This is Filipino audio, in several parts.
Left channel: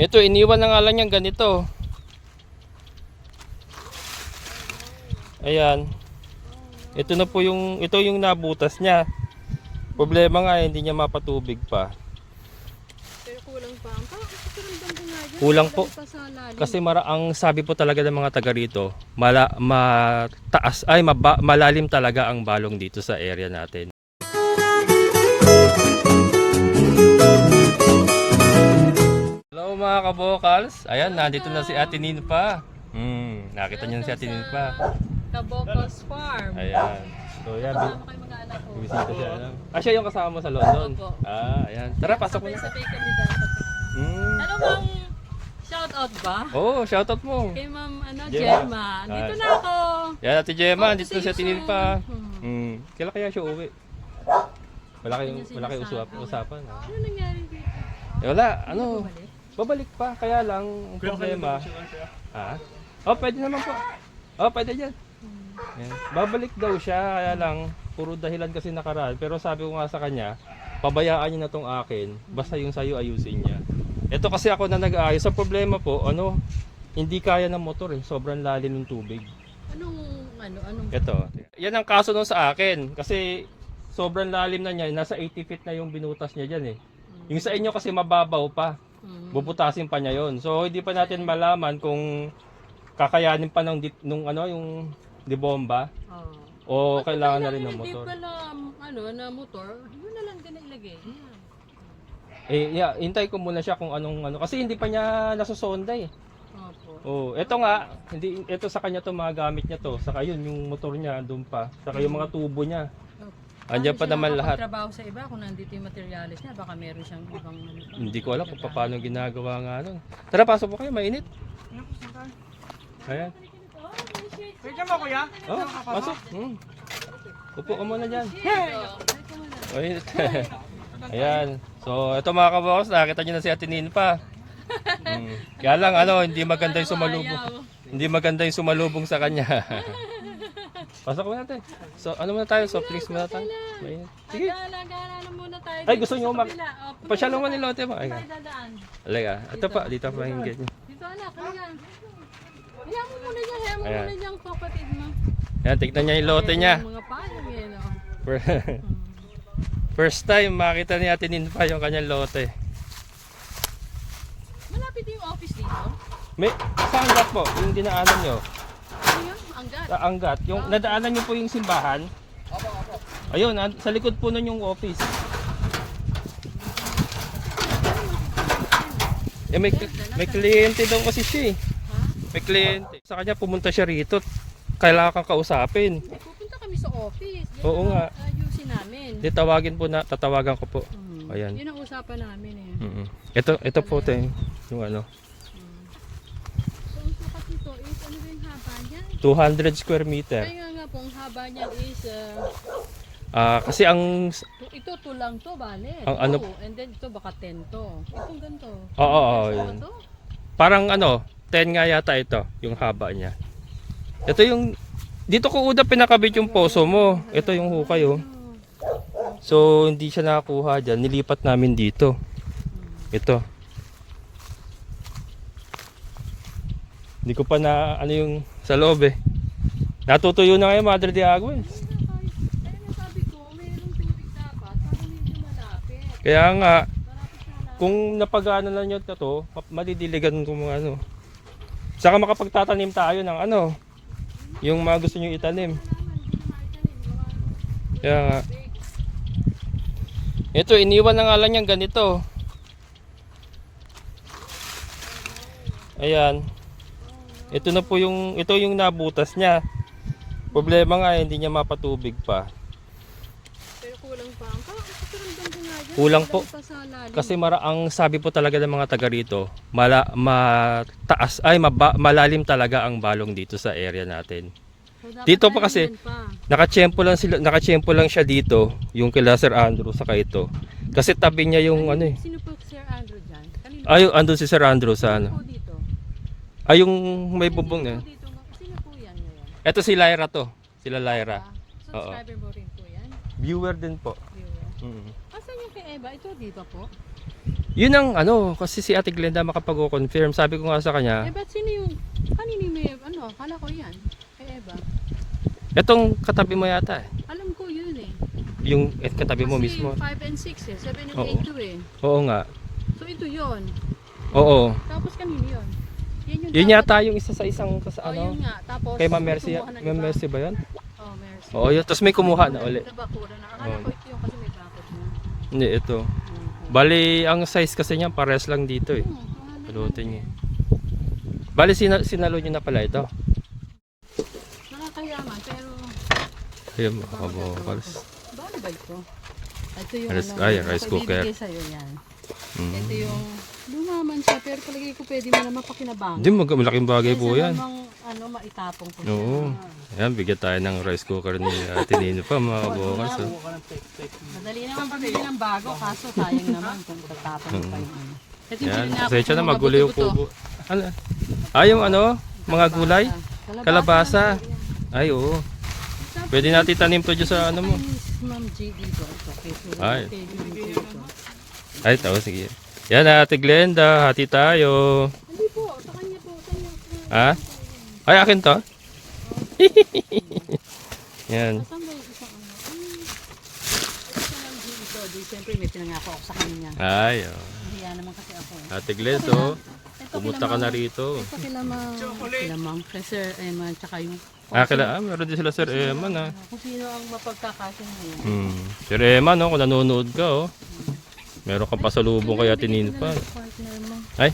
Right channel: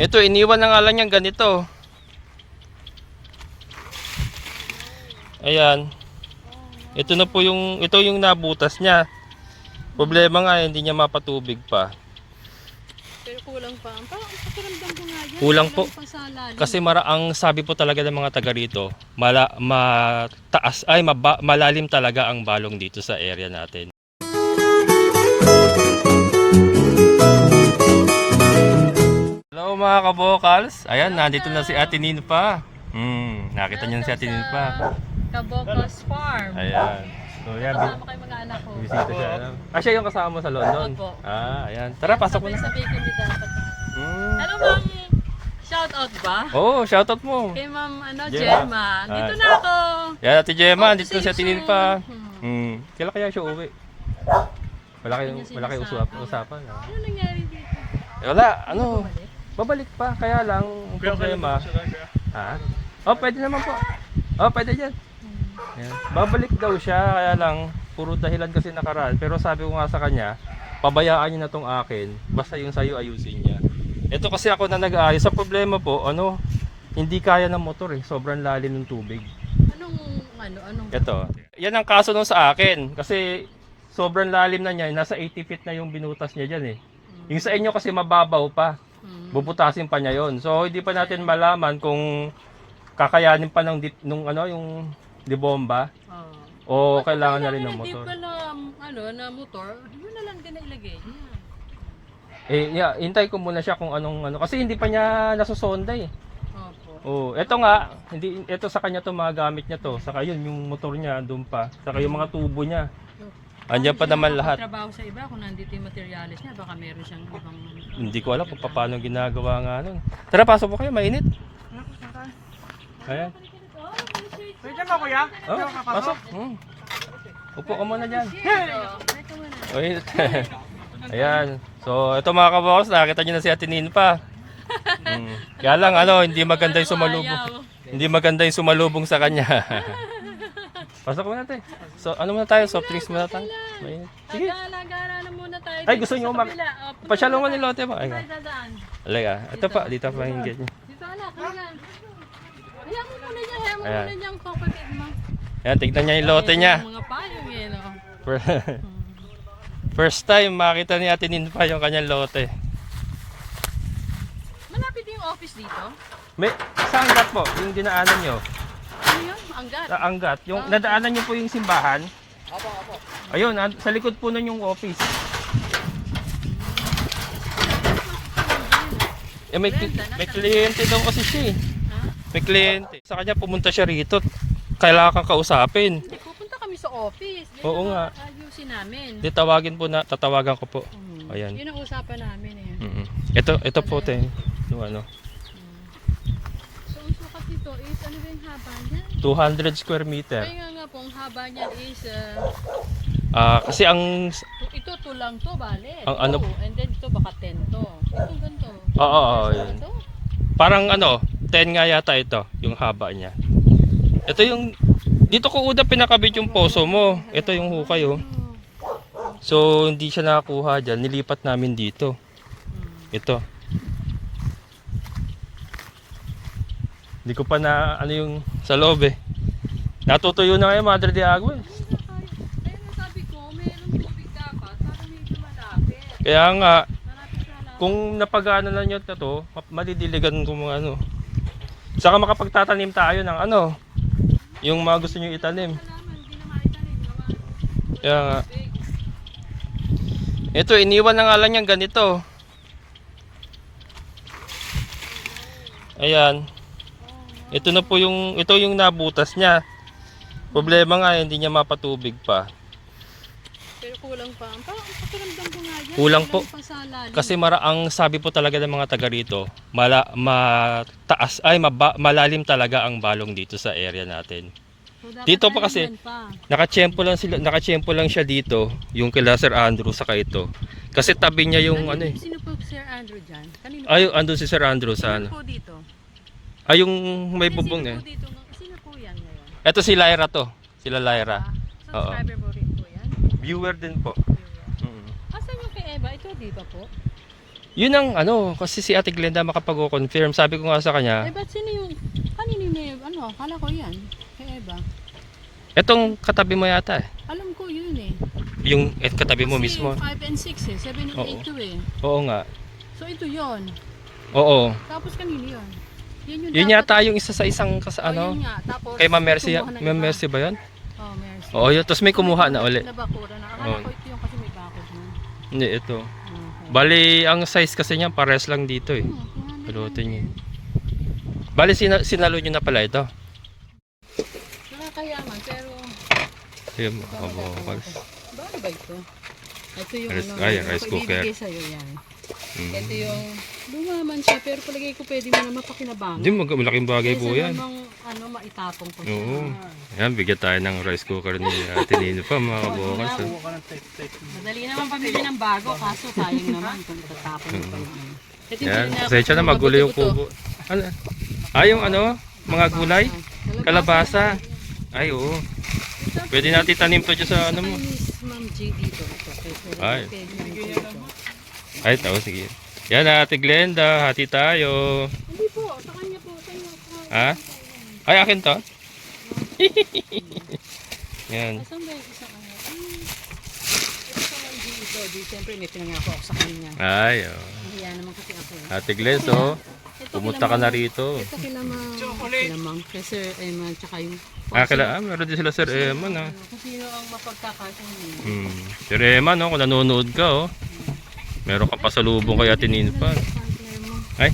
Ito, iniwan na nga lang yan ganito. Ayan. Ito na po ito yung nabutas niya. Problema nga, hindi niya mapatubig pa. Pero kulang pa. Pakiramdam ko nga yan. Kulang po. Pa sa lalim. Kasi ang sabi po talaga ng mga taga rito, malalim talaga ang balong dito sa area natin. Hello mga kabokals. Ayan, nandito na si Ate Ninfa. Nakita niyo na si Ate Ninfa. Kabokals Farm. Ayan. So yan, Kasama kayo mag-anak ko. bisita siya. Siya yung kasama mo sa London? Opo. Ayan. Tara, pasok mo na. Sa bacon din dapat. Ano bang shoutout ba? Oh, shoutout mo. Kay Ma'am Gemma. Gemma. Dito na ako. Yan, Ate Gemma, Oh, dito na si Ate Ninfa. Kailan kaya siya uwi? Wala kayong usapan. Ano nangyari dito? Wala, Bumalik? babalik pa. Kaya lang, ang problema. Ha? Oh, pwede naman po. Oh, pwede dyan. Yan. Babalik daw siya, kaya lang, puro dahilan kasi nakaraan. Pero sabi ko nga sa kanya, pabayaan niyo na tong akin, basta yung sayo ayusin niya. Ito kasi ako na nag-aayos. Sa problema po, hindi kaya ng motor eh. Sobrang lalim ng tubig. Anong? Ito. Yan ang kaso nung sa akin. Kasi sobrang lalim na niya. Nasa 80 feet na yung binutas niya dyan eh. Yung sa inyo kasi mababaw pa. Bubutasin pa niya yon. So hindi pa natin malaman kung kakayanin pa yung dibomba. O kailangan na rin ng motor. Hindi pala na motor. Yun na lang din na ilagay niya. Hintay ko muna siya kung kasi hindi pa niya nasusonda eh. Opo. Oh, ito nga, ito sa kanya to mga gamit niya to. Saka yun yung motor niya doon pa. Saka yung mga tubo niya. Andiyan pa naman lahat. Trabaho sa iba kung nandito yung materialis niya, baka meron siyang ibang Hindi ko alam kung paano ginagawa nga nun. Tara, pasok po kayo, mainit. Ayan. Pwede mo kuya? Oh, pasok. Upo ka muna dyan. Mainit. Ayan. So, ito mga kabos, nakita nyo na si Ate Ninfa. Kaya lang, hindi maganda yung sumalubong. Hindi maganda yung sumalubong sa kanya. Pasok muna tayo. So, muna tayo? Soft drinks muna tayo. Sige. Gala na muna tayo. Ay, gusto nyo pasyalo mo ni lote mo. Ay, Dadaan. alaga. Ito pa, dito pa yung gate. Dito anak, kanya. Hayaan mo muna yan, Ayan. yung kapatid mo. Ayan, tignan niya yung lote niya. Mga payong yan. First time makita ni Ate Ninfa yung kanyang lote. Malapit yung office dito. Sa Angat po, yung dinaanan nyo. Ano yun? Anggat. Sa Angat. Yung nadaanan nyo po yung simbahan. Ayun, sa likod po nun yung office. May kliyente daw kasi siya eh. May kliyente. Sa kanya pumunta siya rito. Kailangan kang kausapin. Pupunta kami sa office. Oo nga. Ayusin namin. Tatawagan ko po. Ayan. Yun ang usapan namin eh. Ito po yung So, ang sukat nito is, ano ba yung haba niya? 200 square meter. Kaya nga po, ang haba niya is, Kasi ito lang to, bale. Ang And then ito, baka 10 to. Itong ganito. Oo, yun. Parang 10 nga yata ito, yung haba niya. Ito yung, dito ko una pinakabit yung poso mo. Ito yung hukay oh. So, hindi siya nakakuha dyan. Nilipat namin dito. Ito. Hindi ko pa yung sa loob eh. Natutuyo na ngayon, Madre de Agua eh. Kaya nasabi ko, mayroong tubig dapat para medyo malapit. Kaya nga, Malapit na lang. kung napagana na nyo na to, madidiligan ko mga Saka makapagtatanim tayo ng yung mga gusto nyo itanim. Hindi na maitanim. Kaya nga. Ito, iniwan na nga lang yan ganito. Ayan. Ito yung nabutas niya. Problema nga, hindi niya mapatubig pa. Pero kulang pa. Pakiramdam ko nga yan. Kulang po. Pa sa lalim. Kasi ang sabi po talaga ng mga taga rito, malalim talaga ang balong dito sa area natin. So, dapat Dito pa kasi, yan pa. nakachempo lang siya dito, yung kila Sir Andrew saka ito. Kasi tabi niya yung Sino po Sir Andrew dyan? Kanino? andun si Sir Andrew sa Sino po dito? yung may bubong niya. Sino po yan ngayon? Ito si Lyra to. Sila Lyra. Subscriber mo rin po yan? Viewer din po. Asan yung kay Eva? Ito dito po? Yun ang ano, kasi si Ate Glenda makapag-confirm. Sabi ko nga sa kanya, Eh, ba't sino yung, kanino na ano, kala ko yan. Kay Eva. etong katabi mo yata eh. Alam ko yun eh. Yung katabi mo Kasi mismo. 5 and 6 eh, 7 and Oo. 8 to eh. Oo nga. So ito yun. Oo. Tapos kanino yun? Yan yung Yun dapat- yata yung isa sa isang ano, yun nga. Tapos, kay Ma'am Mercy, kumuha ng Ma'am iba. Mercy ba yun? Oh, Mercy. Oo, yun. Tapos may kumuha na uli. Nabakura na. Oo. Akala ko ito yung kasi may bakod na. Hindi, ito. Okay. Bali, ang size kasi niya pares lang dito eh. Oo, pangalan Pilotin lang niya. eh. Bali, sinalo nyo na pala ito. Nakakayaman pero Ayun, mga kabokals. bakit ba ito? Ito yung Rice- ano, ay, yung rice ako cooker. ibibigay sa'yo yan. Mm. Ito yung lumaman siya pero palagay ko pwede mo na mapakinabangan. Hindi, malaking bagay po yan. Namang, ano, maitapong ko Oo. siya. Ayan, bigyan tayo ng rice cooker ni Ate Nino pa, mga kabokals. oh. Madali naman pamili ng bago kaso sayang naman kung itatapon mo pa yun. Ito yung Ayan, binili na ako pasensya na sa magulo yung buto-buto. kubo. Ano? Ah, yung ano, mga gulay? Kalabasa. Ay, oo. Pwede natin tanim to dyan sa ano mo. Chinese Ma'am G dito. Ito, Ay. pwede. Ay, tao, sige. Yan, Ate Glenda, hati tayo. Hindi po, sa kanya po, sa kanya po. Ha? Ay, akin to? Yan. Saan ba yung isang ano? Isang Ma'am G ito. Di, siyempre may pinangako ako sa kanya. Ay, oh. Hiya naman kasi ako. Ate Glenda, oh. Ito Pumunta ka na rito. Ito kilamang kay Sir Emma tsaka yung Meron din sila Sir Eman, ha. kung sino ang mapagkakasunod. Sir Eman, no, kung nanonood ka, oh. Meron ka pasalubong kay Ate Nino pa. Ay,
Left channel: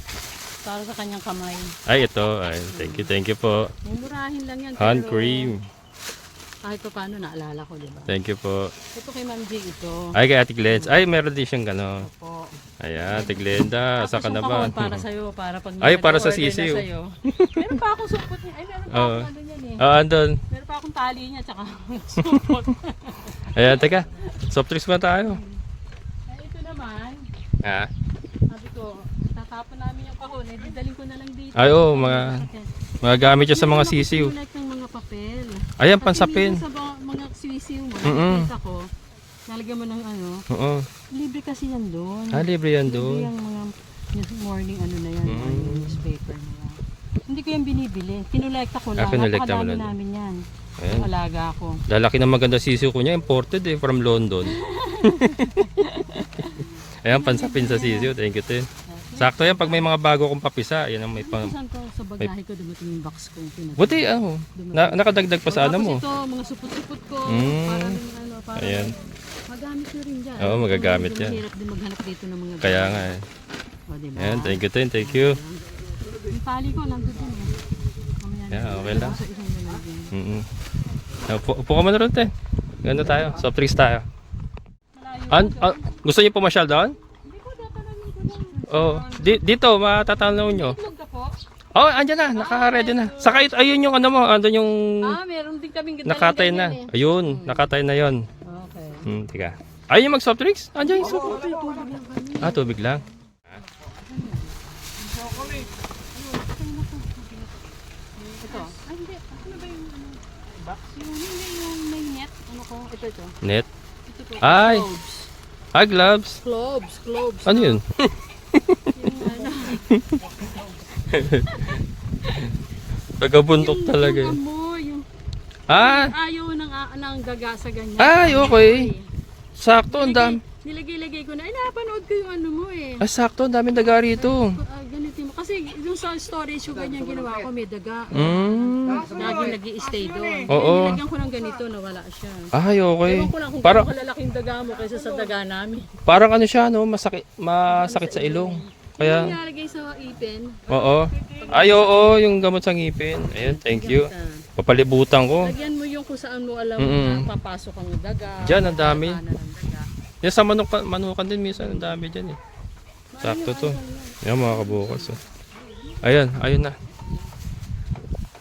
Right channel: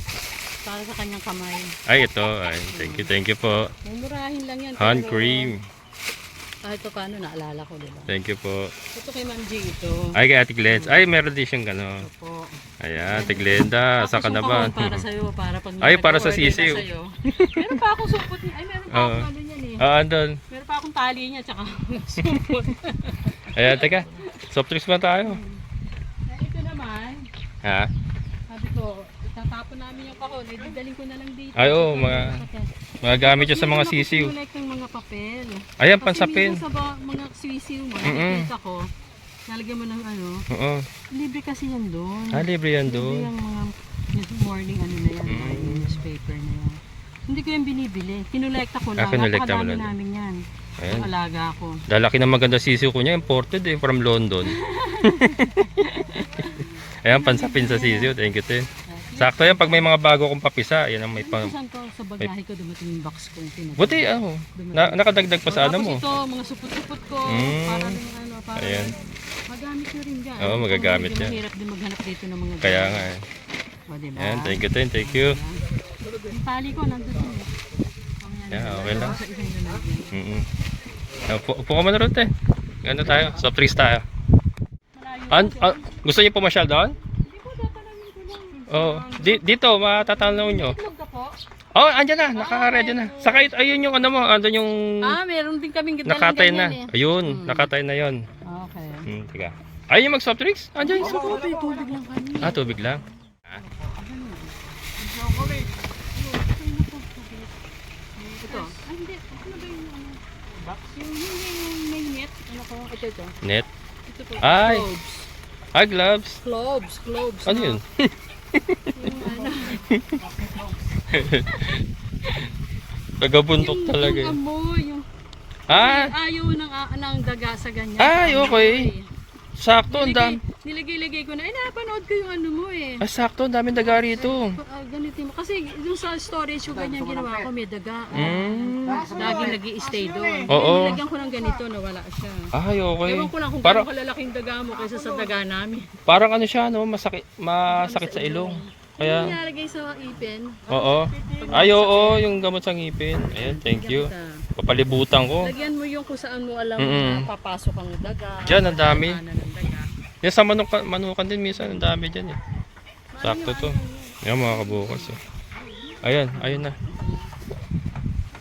Para sa kanyang kamay. ay, ito. Ay, thank you po. Mumurahin lang yan. Hand pero cream. Kahit pa paano naalala ko, diba? Thank you po. Ito kay Ma'am G ito. Ay, kay Ate Glenda. Ay, meron din siyang gano. Opo. Ayan, Ate Glenda. Saan ka na ba? Para sa'yo, para pag Ay, para sa nag-order na sisiw. sa'yo. Meron pa akong supot. Ay, meron pa Oo. akong ano yan eh. Ah, andun. Meron pa akong tali niya tsaka supot. Ayan, teka. Soft drinks ba tayo? Ay, ito naman. Ha? Sabi ko, tatapon namin yung kahon. Eh, didaling ko na lang dito. Ay, oo, magagamit siya sa mga sisiw. Like ng mga papel. Ayan, Kasi pansapin. minsan sa mga sisiw mo, Mm-mm. nakikita ko, nalagyan mo ng ano, Oo. libre kasi yan doon. Ah, libre yan Libre doon. yung mga morning ano na yan, morning newspaper na yan. Hindi ko yan binibili. Kinolekta ko lang. kinolekta mo Napakadami lang. namin yan. Ayan. Ang alaga ko. Lalaki na maganda sisiw ko niya. Imported eh, from London. Ayan, pansapin sa sisiw. Thank you, Tin. Sakto yan pag may mga bago kong papisa. Ayan ang may pang... Saan ko sa bagahe ko dumating yung box ko. Buti, nakadagdag pa sa ano mo. Tapos ito, mga supot-supot ko. Mm. Para rin ano, para Ayan. magamit nyo rin dyan. Oo, magagamit Medyo yan. mahirap din maghanap dito ng mga Kaya ganyan. nga. O, diba? Ayan, thank you, Tin. Thank you. Yung tali ko, nandun din eh. Mamaya na. Yeah, okay lang. Sa isang lalagyan. Upo ka muna rin, Tin. Ganda tayo. Soft drinks tayo. Malayo. Gusto niyo pumasyal doon? Hindi po, tatalamin ko lang. Oo. Dito, matatanaw nyo. Itlog ka po? Oh, andyan na. Naka-ready na. Saka ayun yung ano mo. Andun yung Meron din kaming nakatay na. ganyan eh. Ayun, nakatay na yon. Okay. Teka. Ayun yung mag-soft drinks? Andyan yung soft drinks. Tubig lang kami. Ah, tubig lang. Ito. Ah, hindi. Ano ba yung ano? Box? Yung may net. Ano ko? Ito. Net. Ito po. Ay. Cloves. Ah, gloves. Cloves. Ano yun? Yung ano. Tagabuntot talaga Yung yun. amoy. Yung Ah, ayaw ng daga sa ganyan. Ay, okay. Sakto, ang dami. Nilagay ko na. Ay, napanood ko yung ano mo eh. Ay, sakto, ang daming daga rito. Ganito mo. Kasi yung sa storage yung ganyan ginawa ko, may daga. Laging nag-i-stay doon. Oo. Nilagyan ko ng ganito, nawala siya. Ay, okay. Ewan ko lang kung Parang, gaano kalalaking daga mo kaysa sa daga namin. parang ano siya, no? Masakit sa ilong. Yung Kaya, nilalagay sa ipin. oo. Ay, oo, yung gamot sa ngipin. Ayan, thank you. Papalibutan ko. Lagyan mo yung kung saan mo alam papasok ang daga. Diyan, ang dami. Ano ng daga. Yan sa manukan din minsan, ang dami dyan eh. Sakto to. Yan mga kabukas eh. Ayun na.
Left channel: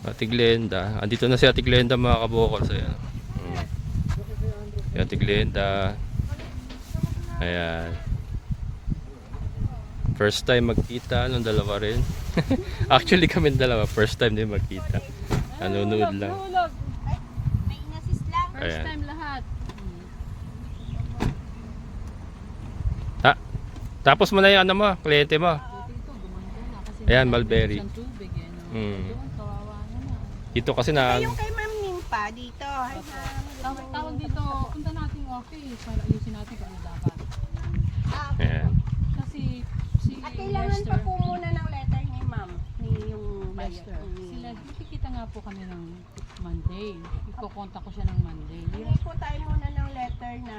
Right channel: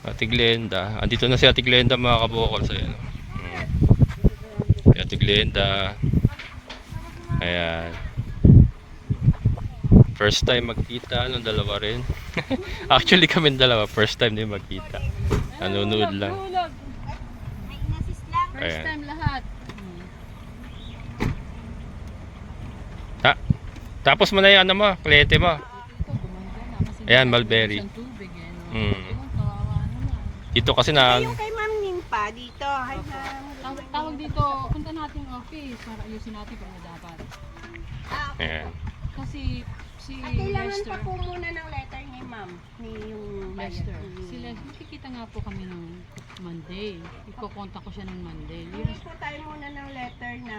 Ate Glenda. Andito na si Ate Glenda mga kabukas. Ayan. Si Ate Glenda. Ayan. First time magkita ng dalawa rin. Actually kami dalawa, first time din magkita. Nanonood lang. Nahulog. First Ayan. time lahat. Tapos mo na yung ano mo, kliyente mo. Ito, gumanda na. Kasi Ayan, wala mulberry. siyang tubig eh. No? Mm. Doon, kawawa naman. Dito kasi na... Yung kay Ma'am Nimpa dito. Hi, ma'am. Tawag dito, punta natin yung office para ayusin natin kung ano dapat. Okay. Ayan. Kasi si At kailangan Lester, pa po muna ng letter ni Ma'am. Ni yung Lester, ni- sila, makikita nga po kami ng Monday. Iko-contact ko siya ng Monday. Hindi po tayo muna ng letter na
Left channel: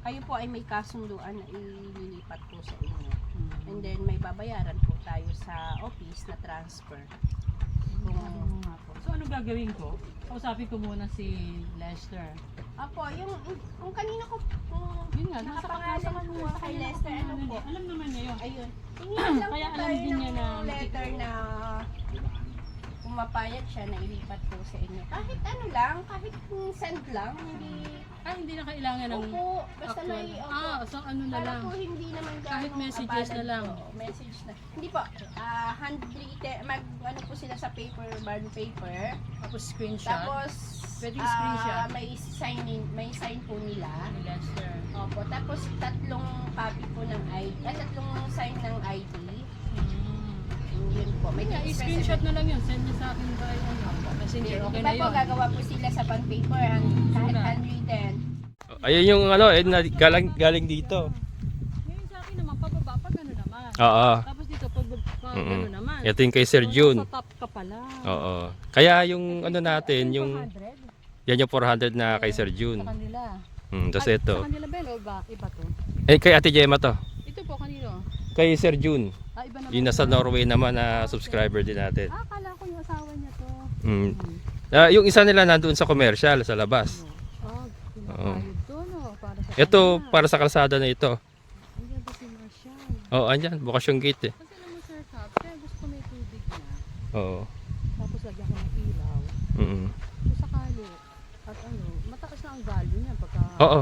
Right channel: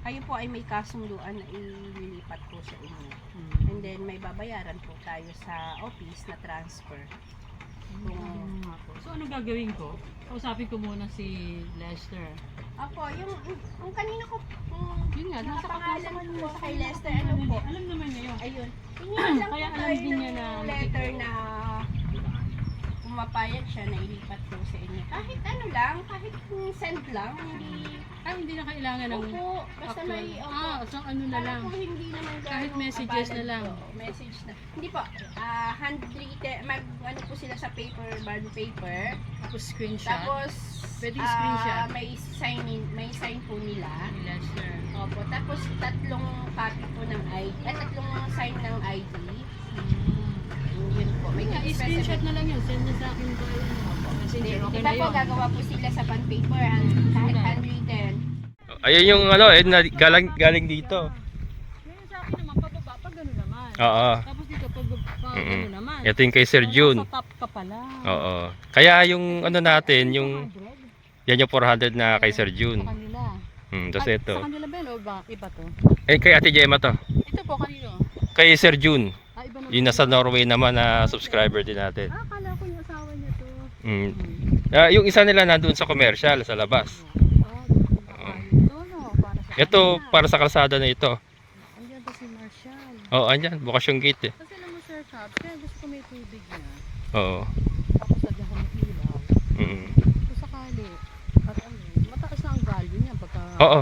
kayo po ay may kasunduan na ililipat po sa inyo. And then may babayaran po tayo sa office na transfer. So ano gagawin ko? Kausapin ko muna si Lester. Apo, yung kanina ko, Yun nga, nasa nakapangalan kanya po kay Lester, ano po? Alam naman niya yun. Ayun. Tingnan lang Kaya po alam tayo din niya ng na- letter na pumapayag siya na ilipat po sa inyo. Kahit ano lang, kahit send lang, Hindi na kailangan ng opo, basta may, opo. so ano na Para lang. po hindi naman Kahit ganong messages na abalan lang. po. Message na. Hindi po, handwritten, ano po sila sa paper, bond paper. Tapos screenshot. Tapos, Pwede screenshot. may sign po nila. Ni Lester. Opo, tapos tatlong copy po ng ID, tatlong sign ng ID. Yun po, may I-screenshot na lang yun. Send niya sa akin ba yan? Messenger. Okay Di na ba po, yun. gagawa po sila sa bond paper, kahit Sulat. handwritten. Ayun yung ano, galing dito. Ngayon sa akin naman, pababa, pag ano naman. Oo. Tapos dito, pag Mm-mm. ano naman. Ito yung kay Sir June. Sa top pa pala. Oo. Kaya yung ano natin, yung 400 yan yung 400 na kay Sir June. sa kanila. Tapos Ay, ito. Sa kanila ba yun o ba? Iba to? Kay Ate Gemma to. Ito po kanino? Kay Sir June. Iba na. Yung nasa Norway naman na subscriber din natin. Akala ko yung asawa niya to. Yung isa nila nandoon sa commercial, sa labas. Oo. Doon o. Para sa Ito, para sa kalsada na ito. Andiyan ba si Marshall? Oo, andyan. Bukas yung gate eh. Kasi naman Sir Cap, kaya gusto ko may tubig na. Oo. Tapos lagyan ko ng ilaw. Mm. Kung sakali, at ano, mataas na ang value niya pagka Oo.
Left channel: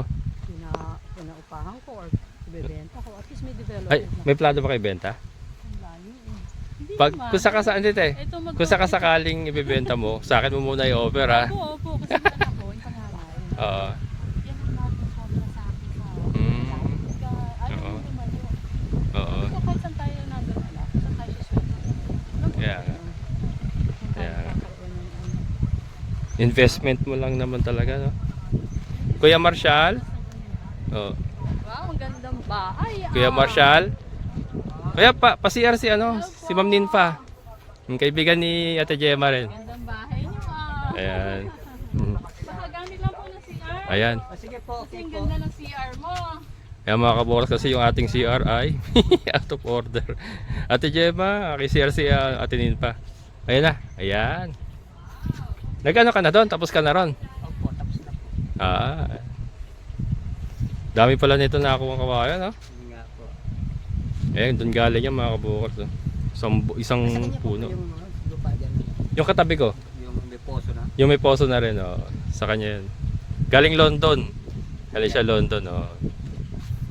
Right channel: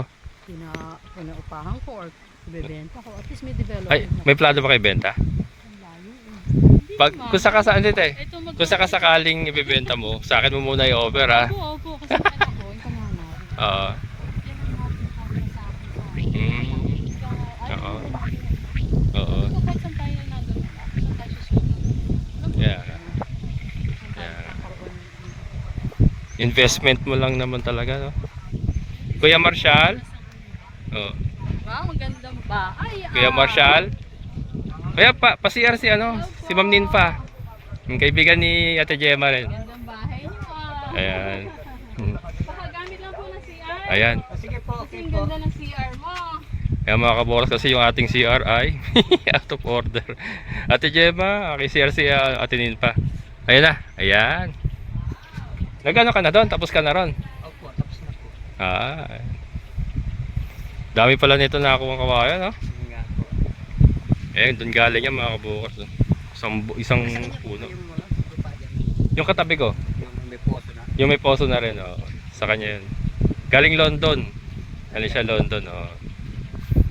pinaupahan ko or ibebenta ko. At least may development Ay, na may plano ba kayo benta? ang value. Hindi Pag, naman. kung sakasaan dito eh. Ito Kung sakasakaling ibebenta mo, sa akin mo muna i-offer ha. Opo, kasi yung anak ko, yung panganay. Oo. Yan ang natin sa akin sa Oo. Oo. So kahit saan tayo nandun, saan tayo susunod? Yeah. Yeah. Investment mo lang naman talaga, no? Kuya Marshall? Oh. Wow, ang ganda mo ka. Ay, Kuya Marshall? Kuya, pa-CR si ano? Si Ma'am Ninfa. Yung kaibigan ni Ate Gemma rin. gandang bahay niyo ah. Ayan. Baka gamit lang po ng CR. Ayan. Sige po, Kasi ang ganda ng CR mo. Ayan mga kaboras, kasi yung ating CR ay out of order. Ate Gemma, CR si Ate Ninfa. Ayan na. Ayan. Nagano ka na doon? Tapos ka na ron? Opo, tapos na po. Ah. Dami pala nito na ako ang kawayan, no? Yun nga po. Eh, doon galing yan mga kabukas. No? Isang puno. Yung lupa dyan, Yung katabi ko, yung may poso na. yung may poso na rin, oh. Sa kanya yun. Galing London. Galing siya London, oh.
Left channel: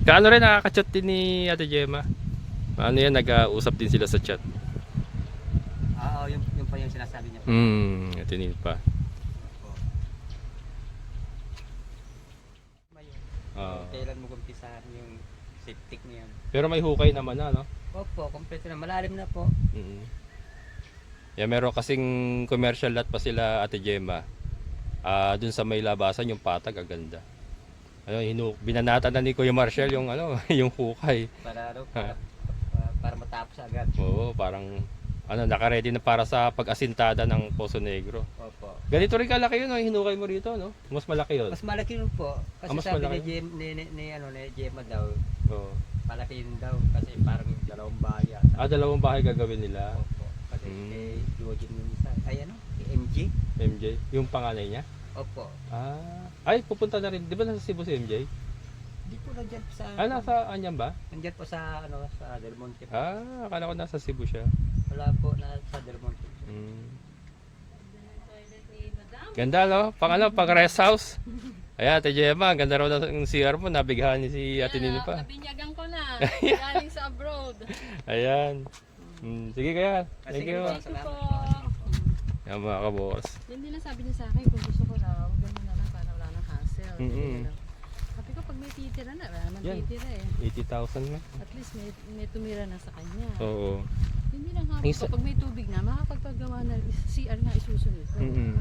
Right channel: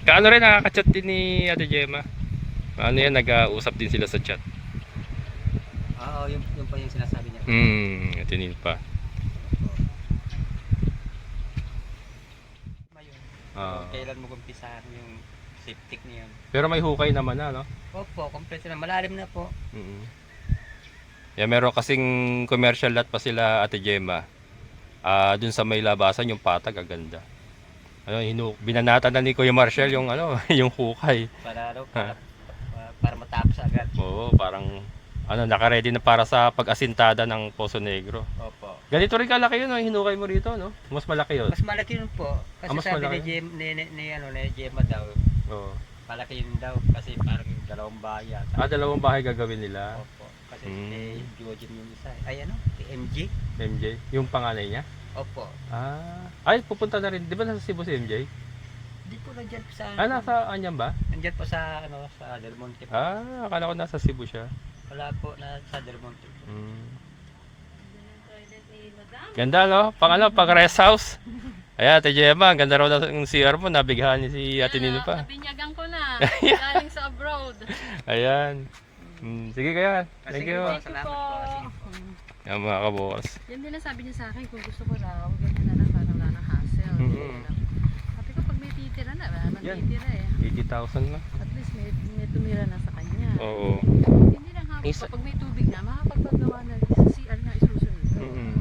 Kaano rin, nakaka-chat din ni Ate Gemma. Ano yan, nag-uusap din sila sa chat. Oo, yung pa yung sinasabi niya. Atinin pa. Kailan mo kumpisahan yung septic niya? Pero may hukay naman na, no? Opo, kompleto na. Malalim na po. Yeah, meron kasing commercial lot pa sila Ate Gemma. Dun sa may labasan yung patag, aganda. Ano, binanatan na ni Kuya Marshall yung ano, yung hukay. Para para matapos agad. Oo, parang ano, naka-ready na para sa pag-asintada ng Poso Negro. Opo. Ganito rin kalaki yun, hinukay mo rito, no? Mas malaki yun. Mas malaki yun po. Kasi Mas sabi malaki? ni Gemma daw, Oo. malaki yun daw. Kasi parang dalawang bahay yata. Dalawang bahay gagawin nila. Opo. Kasi Mm. Georgian yung isa. Ay ano? MJ? MJ, yung panganay niya. Opo. Ay, pupunta na rin. Di ba nasa Cebu si MJ? Di po nandiyan po sa... Nasa Anyam ba? Nandiyan po sa ano sa Del Monte po. Akala ko nasa Cebu siya. Wala po na sa Del Monte po. Ganda, no? Pang rest house. Ayan, Ate Gemma, ang ganda raw ng CR mo. Nabighan ni si Ate Nino pa. Binyagan ko na. Galing sa abroad. Ayan. Sige kaya. Thank Sige you. po. Salamat po. Yan mga kabukas. Yan din ang sabi niya sa akin, kung gusto ko raw, ganyan na lang, parang wala nang hassle. Mhm. Sabi ko, pag may titira na. Wala naman Yan. titira eh. 80,000 na. At least may tumira na sa kanya. Oo. Hindi lang hapon. Isa- Kapag may tubig na, makakapagpagawa na sa CR nga isusunod. Mm.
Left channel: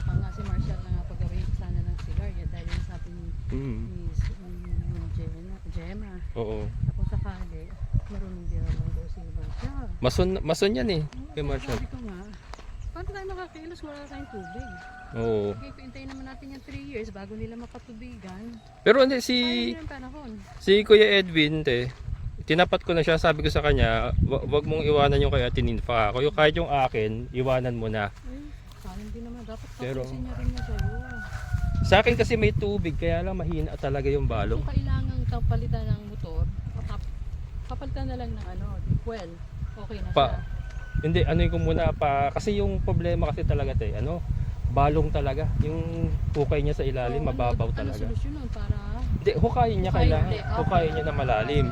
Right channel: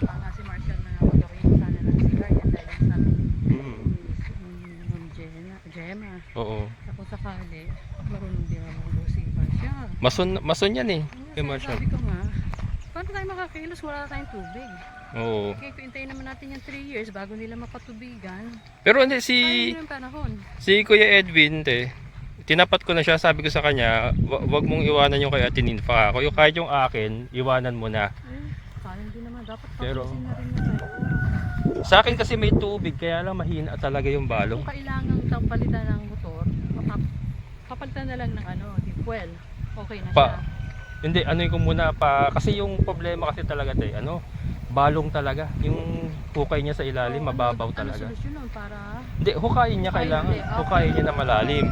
Baka nga si Marshall na nga magawin sana ng CR. Yan dahil yung sabi Mm. ni Gemma. Oo. Ako sakali, marunong din naman daw si Marshall. Mason yan eh. Kay Marshall. Sabi ko nga, paano tayo makakilos? Wala tayong tubig. Oo. Kaya hintayin naman natin yung 3 years bago nila mapatubigan. Pero hindi Sayang yung panahon. si Kuya Edwin, tinapat ko na siya, sabi ko sa kanya, wag mong iwanan yung kay Ate Ninfa. Kung kahit yung akin, iwanan mo na. Sayang din naman. Dapat Pero- tapusin na rin na sa'yo. Sa akin kasi may tubig, kaya lang mahina talaga yung balong. Kung kailangan palitan ng motor, papalitan na lang ng di fuel. Okay na siya. Hindi, ko muna kasi yung problema kasi talaga balong talaga. Yung hukay niya sa ilalim, mababaw talaga. Ano solusyon nun para... Hindi, hukayin niya kailangan. Hukayin niya na malalim.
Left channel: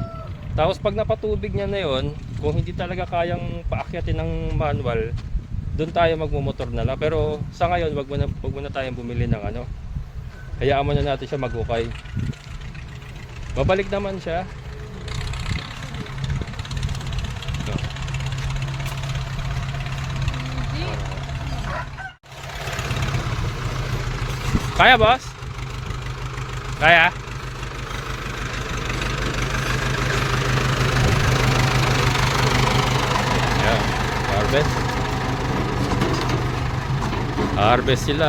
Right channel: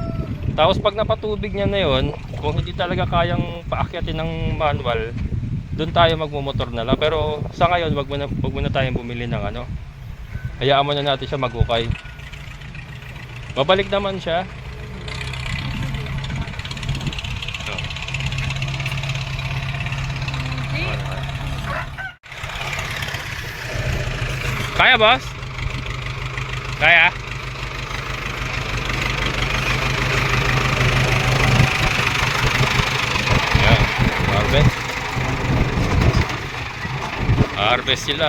Tapos pag napatubig niya na yon, kung hindi talaga kayang paakyatin ng manual, doon tayo magmumotor na lang. Pero sa ngayon, wag muna tayong bumili ng hayaan mo na natin siya maghukay. Babalik naman siya. Kaya, boss? Kaya? Oh, harvest. Harvest sila.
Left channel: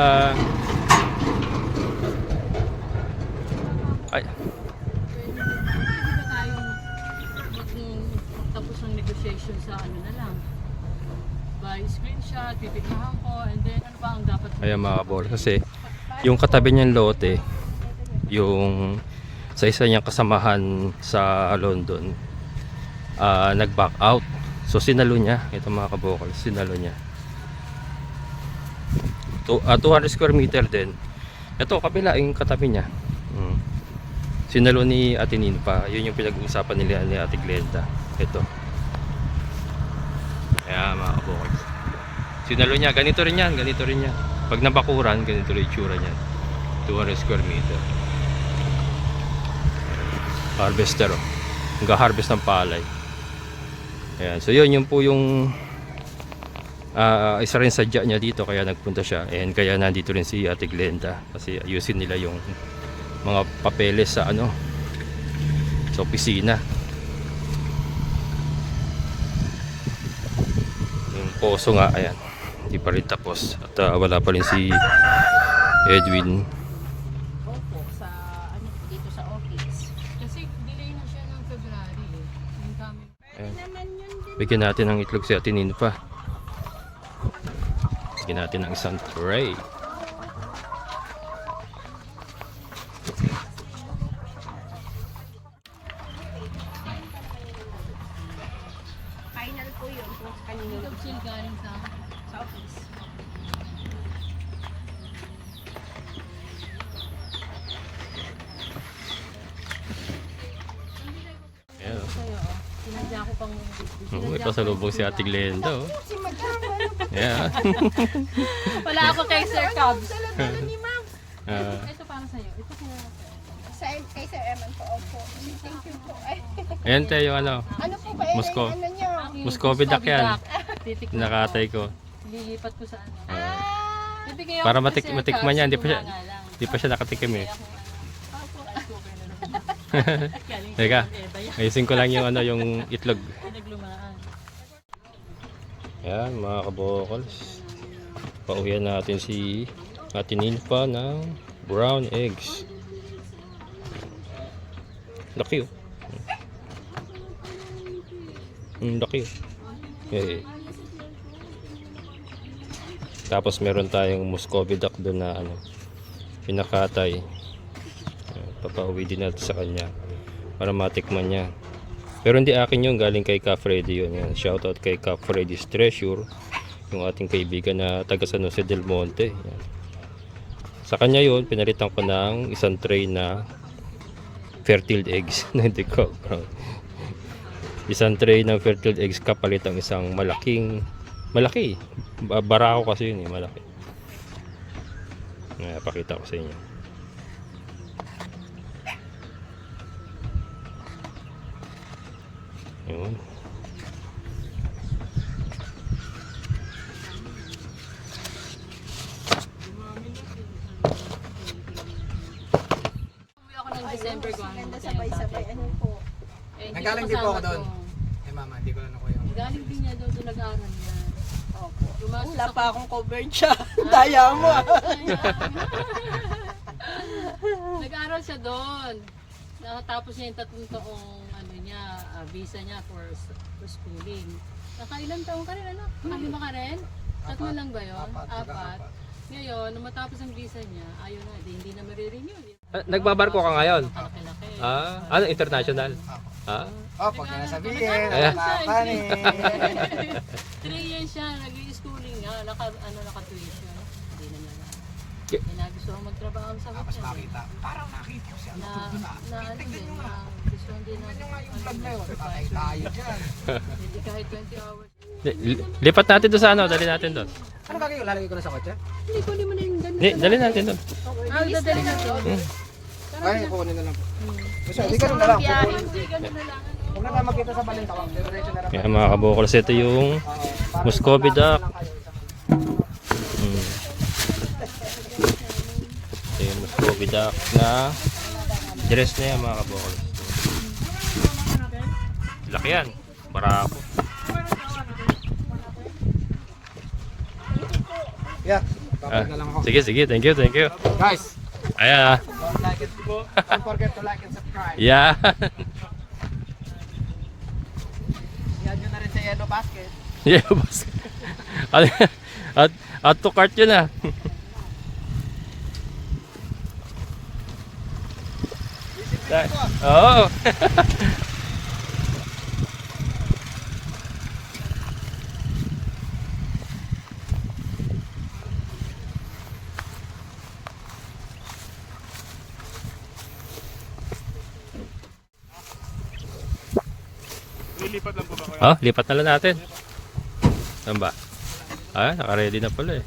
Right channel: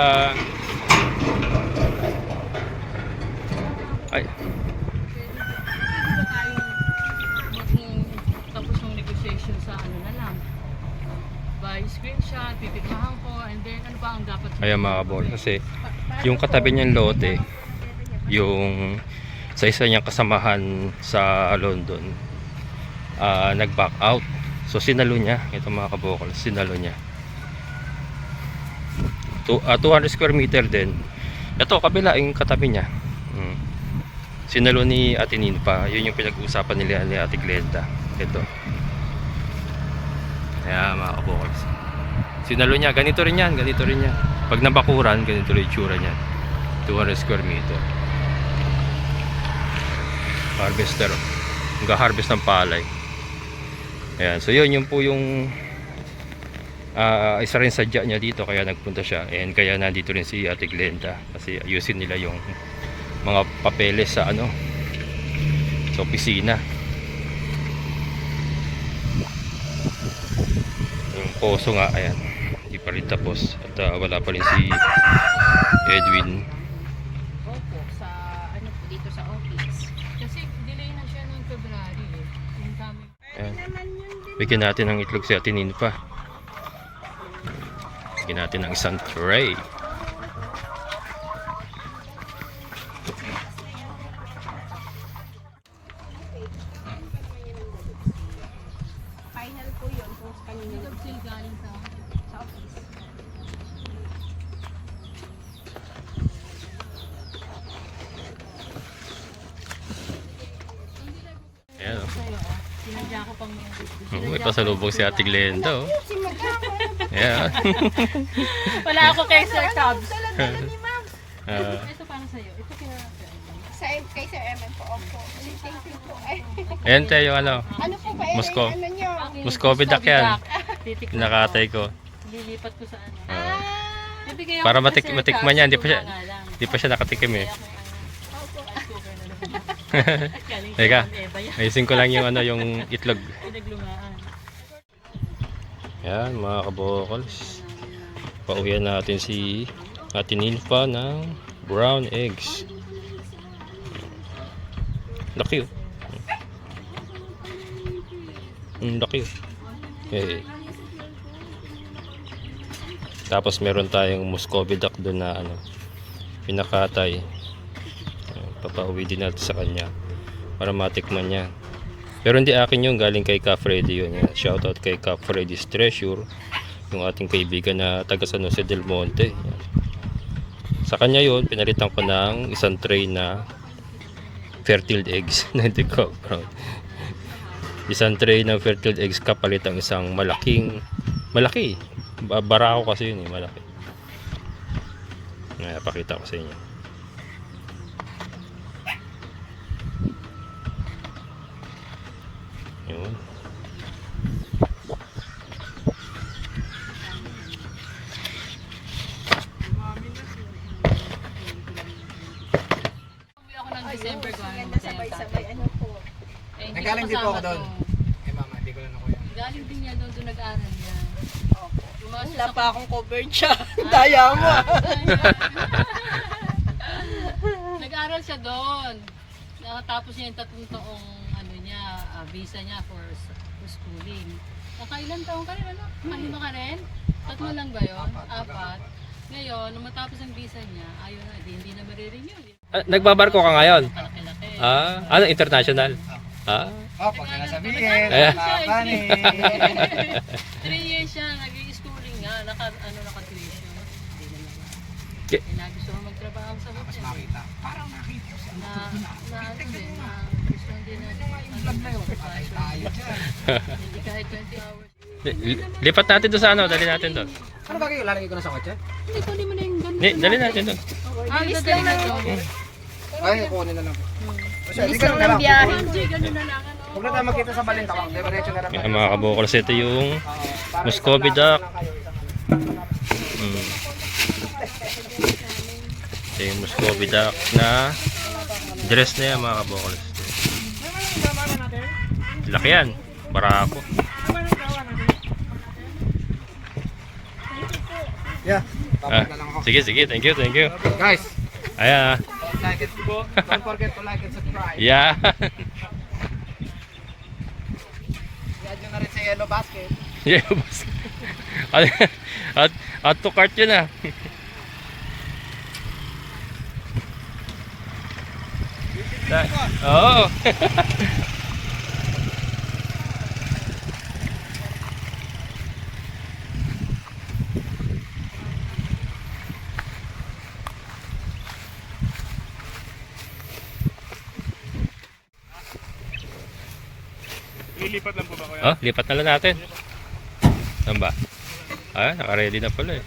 Ay. Pwede ba tayong tapos ng negotiation sa na lang? By screenshot, pipigmahan ko, and then ano pa ang dapat? Kaya mga kabol, kasi yung katabi niyang lote, yung sa isa niyang kasamahan sa London, nag-back out. So sinalo niya, ito mga kabokal, sinalo niya. 200 square meter din. Ito kabila yung katabi niya. Sinalo ni Ate Ninfa, yun yung pinag-uusapan nila ni Ate Glenda. Ito. Kaya mga kabokal, sinalo niya, ganito rin yan. Pag nabakuran, ganito rin yung itsura niyan. 200 square meter. Harvester. Nag-harvest ng palay. Ayan. So yun po yung isa rin sadya niya dito. Kaya nagpunta siya. And kaya nandito rin si Ate Glenda. Kasi ayusin nila yung mga papeles sa sa opisina. Yung poso nga. Ayan. Hindi pa rin tapos. At wala pa rin si Edwin. Opo, sa dito sa office. Kasi delay na siya ng February eh. Yung kami. Ayan. Bigyan natin ng itlog si Ate Ninfa. Bigyan natin ng isang tray. Final po yun kung kanino na Chill galing sa office. Ayan. sa'yo oh. Sinadya ko pang May pasalubong si Ate Glenda. Oh. Si Madam, Ayan. Wala ako kay Sir Cubs. dala ni Ma'am. Ito para sa'yo. Ito kinala Kay Sir Eman po, opo. Thank you po. Ay, Ayan tayo yung ano po ba yun? Moscow. Ano nyo? Muscovy duck yan. Titikman Nakatay ko. Lilipat ko sa ano. Bibigay ako Para kay Sir matikman niya. Hindi Cubs, pa siya, tunga nga lang. hindi pa siya nakatikim eh. Galing Teka, siya ng Eva yan. ayusin ko lang yung yung itlog. Pinaglumaan. Ayan mga kabokals. Pauwian natin si Ate Ninfa ng brown eggs. Laki oh. Laki oh. Hey. Tapos meron tayong Muscovy duck doon na pinakatay. Papauwi din natin sa kanya para matikman niya. Pero hindi akin yun, galing kay Ka Freddy yun. Shoutout kay Ka Freddy's Treasure, yung ating kaibigan na taga San Jose del Monte. Yan. Sa kanya yun, pinalitan ko ng isang tray na fertile eggs. Hindi ko, bro. Isang tray ng fertile eggs kapalit ang isang malaki. Barako kasi yun, malaki. Pakita ko sa inyo. Yun. Uwi ako ng December ko. Ganda sabay-sabay. Ano po? Eh, Nagaling din po ako doon. Eh mama, hindi ko lang ako yung... Galing din niya doon nag-aaral niya. Opo. Lumasas Wala ako. pa akong covered siya. Daya mo. Nag-aaral siya doon. Nakatapos niya yung 3 taong ano niya, visa niya for schooling. Nakailan taon ka rin ano? Kahima ka rin? 3 lang ba yun? 4. Ngayon, nung matapos ang visa niya, ayaw na, hindi na marirenew. Nagbabarko ka ngayon? Malaki-laki. Ano international? Opo, kaya sabihin, Eh. nakakani. 3 years siya, nag-schooling nga, naka-tuition. Hindi naman. Ke- Nagusto ko magtrabaho sa Tapos hotel. makita, parang nakita ko siya. Na ano din, na gusto din na Vlog na yun, patay tayo dyan. hindi kahit 20 hours. Lipat natin doon sa ano, dali natin doon. Ano ba kayo, lalagay ko na sa kotse? Hindi ko mo na yung ganun. Dali natin doon. Dadali na to. Ay, kunin na lang po. Kasi, di Bilis ganun na lang lang. ng biyahe. Hindi, ganun na lang. Ano? Huwag na tayo makita sa balintawang. Diretso na lang. Mga mga kabukals, ito yung Muscovy duck. Ito yung Muscovy duck na dress na yan mga kabukals. Laki yan. Barako. Yeah, tapos na lang ako. Sige, sige. Thank you, thank you. Guys, Ayan ah. don't forget to like and subscribe. Yeah. I-add nyo na rin sa yellow basket. Yeah, boss. At to cart yun ah. Oo. Lilipat lang po ba kayo? Lipat na lang natin. Saan ba? Naka-ready na pala eh.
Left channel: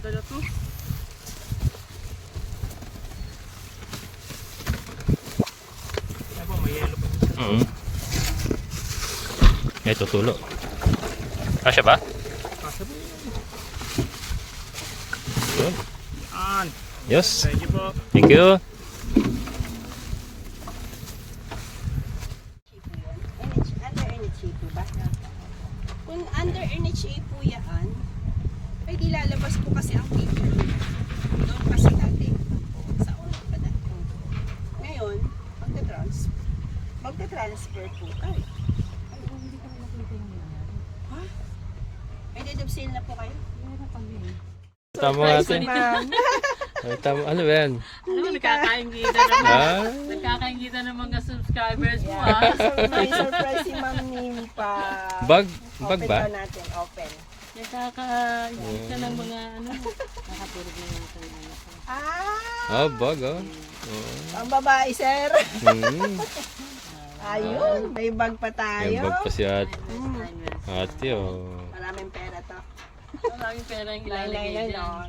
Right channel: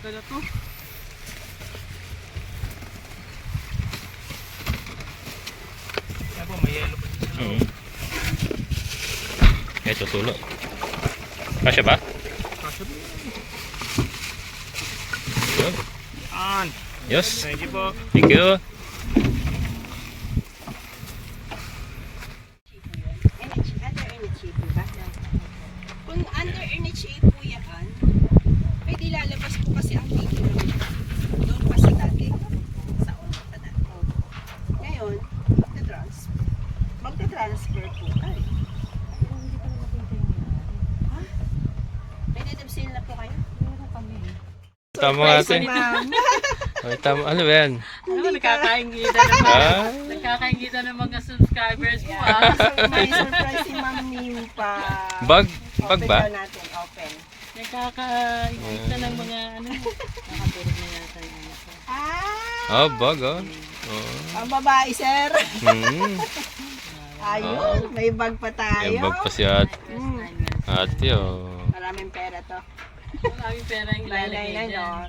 May tutulo. Kasya ba? Yun. An. Yes. Thank you po. Thank you. Under NHA po ba? Kung under NHA po yan, ay di lalabas po kasi ang video. Doon pa sa dati. Sa unang pa dati. Ngayon, magta-transfer po. Ay, Hindi ko na makita yung ha? Edit sale na po kayo? meron kami. Tama natin. Tama. Ano ba yan? Ano, nagkakaingita ng nagkakaingita ng mga subscribers mo ah. So, may surprise si Ma'am Nimpa. Bag ba? Open na natin, open. Nagkakaingita ng mga ano. Nakaturog na yata yung ano ko. Bag oh. Ang babae, sir. Mm. Ayun, may bag pa tayo. Yung bag pa si ate. Mm, Ate oh. maraming pera to. Maraming pera yung ilalagay Lalagay dyan. no?